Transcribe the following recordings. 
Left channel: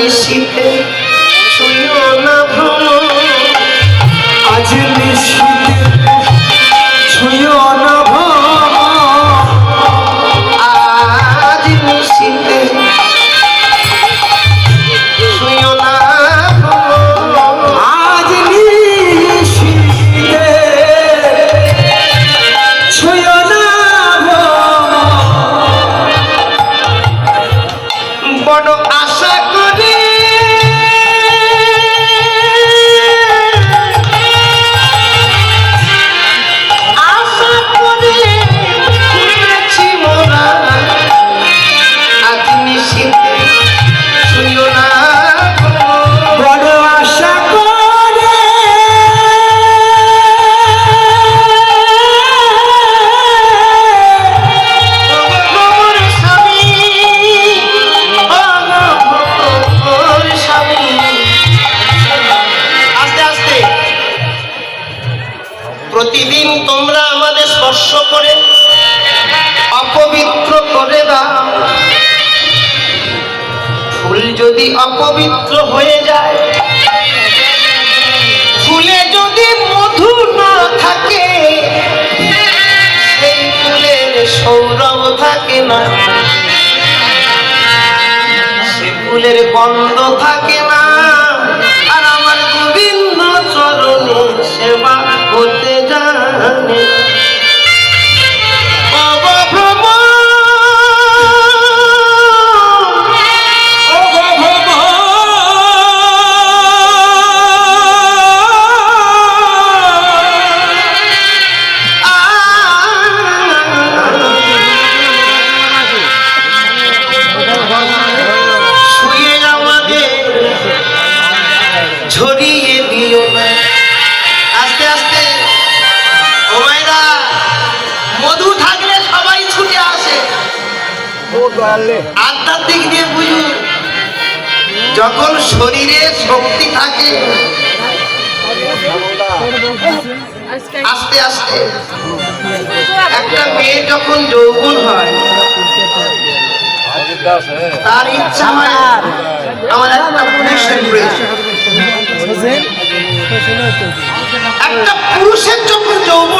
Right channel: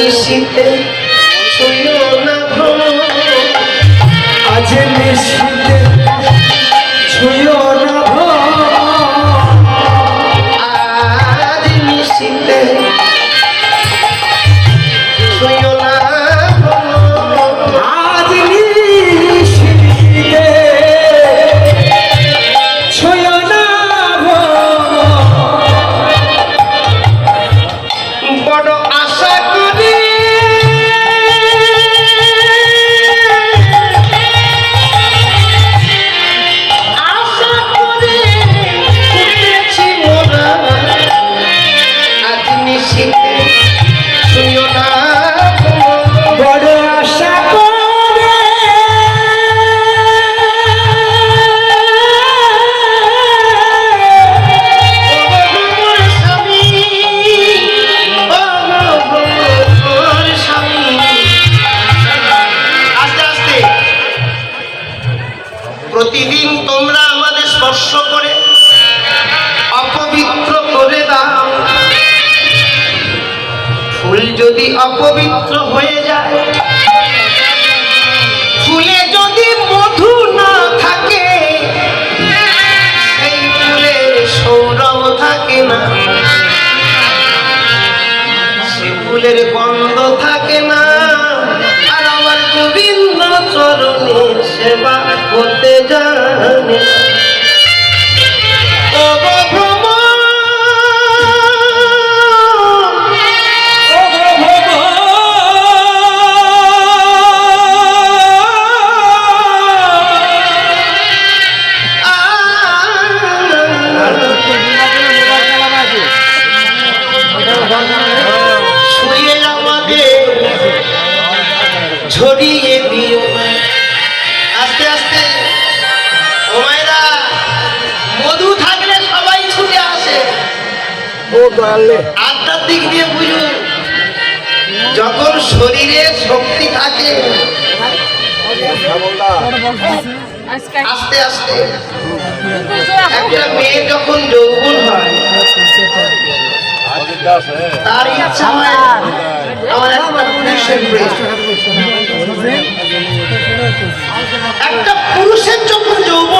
নিশীতে শুইও না ভ্রম। আজ নিশিতে ছুঁয়ো প্রতিদিন তোমরা আমাদের স্পর্শ করে, অপবিত্র করে দাও। ফুল যদি অপবিত্র হয়ে যায়, ফুলে যদি মধু না থাকে, সেই ফুলের সৌরভ থাকে না। সে ফুলের গন্ধ থাকে না। আধ্যাত্মিক দিয়ে বুঝুন যখন শরীরে শক্তি থাকে, আস্তে আস্তে একটা মেয়ে যখন যৌবন হয়, তার ইচ্ছা হয়, আমার একটা পুরুষের একটা পুরুষের যখন যৌবন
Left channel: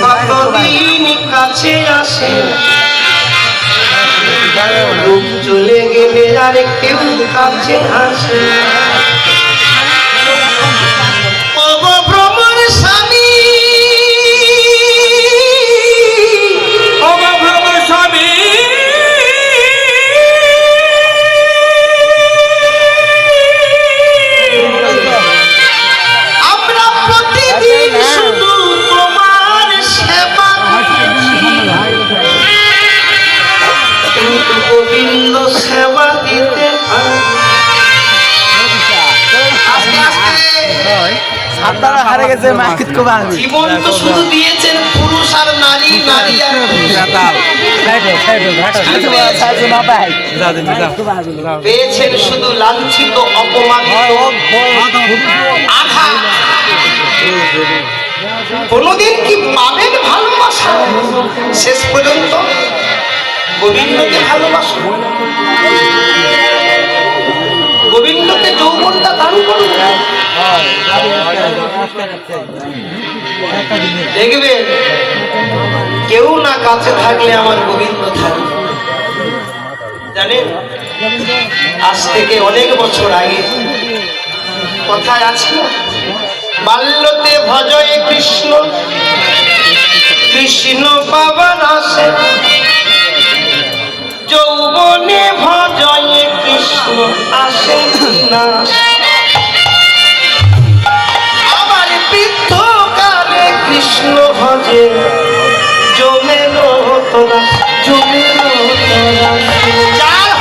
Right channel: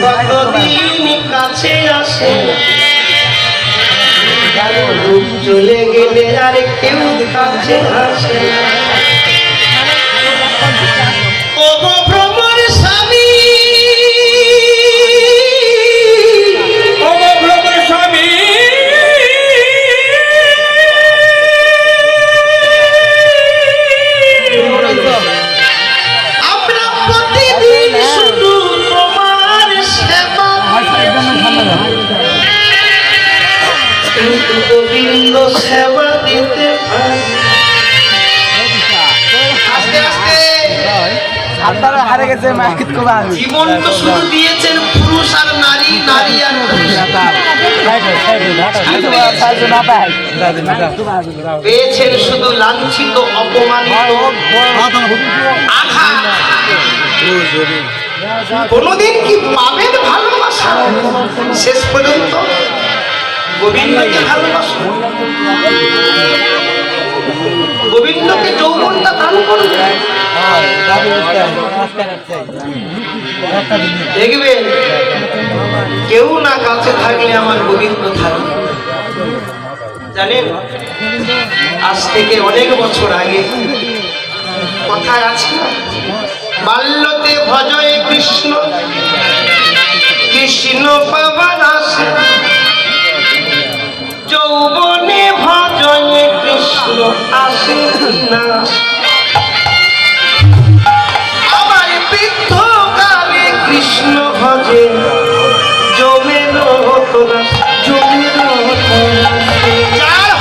কতদিন কাছে আসে? চলে গেলে আর কেউ কাছে আসে? কিন্তু গোবিন্দ সেবা দিতে জীবন তো শুধু দিয়েছেন পুরুষ আর নারী নারী আর পেয়েছেন শুধু লাঞ্ছিত অপমানিত আঘাত। কোনোদিন কি পাবেন ভালোবাসা? শেষ পর্যন্ত গোবিন্দকে ভালোবাসো। গোবিন্দকে যৌবনটা দান করবে দেখবে, কেউ না কাছে থাকলে আমার গোবিন্দ থাকবে জানেন, আজ থেকে অনেক বছর আগে, কথায় আছে? বাল্যতে ভজয়ে কৃষ্ণ ভজে জমে জমে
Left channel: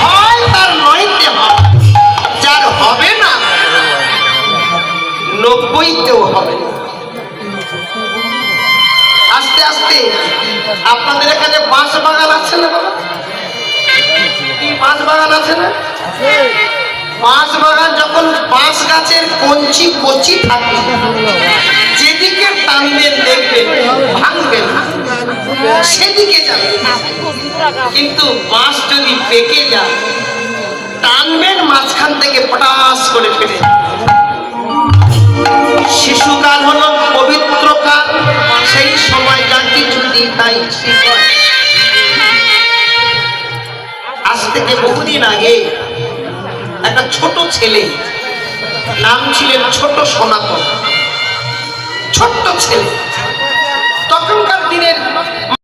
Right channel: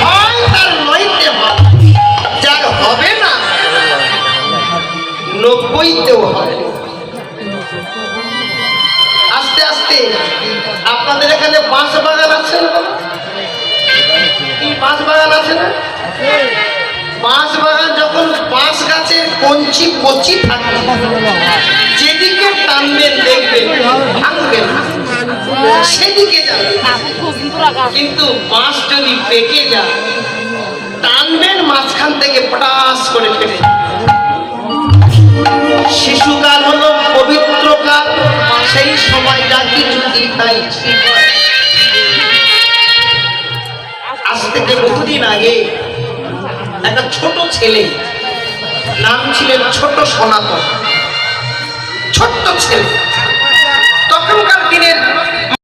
হয় তার নয়তে হয়, যার হবে না, নব্বইতেও হয় আস্তে আস্তে, আপনাদের এখানে বাঁশ বাগান আছে না? বাঁশ বাগান আছে না? বাঁশ বাগান যখন বাঁশ গাছের কঞ্চি কচি থাকে সেদিকে যাবেন কিন্তু বাঁশ যদি পেকে যায় টানবেন মাঝখান থেকে পটাস করে ফেলে। শিশুকাল হলো পবিত্র কাল সেই সময় যা কিছু দিন তাই আজ থেকে বহুদিন আগে একটা ছোট ছেলে নাম ছিলেন ছোট সনাতন। ছোট্ট ছেলে। তখনকার দিনের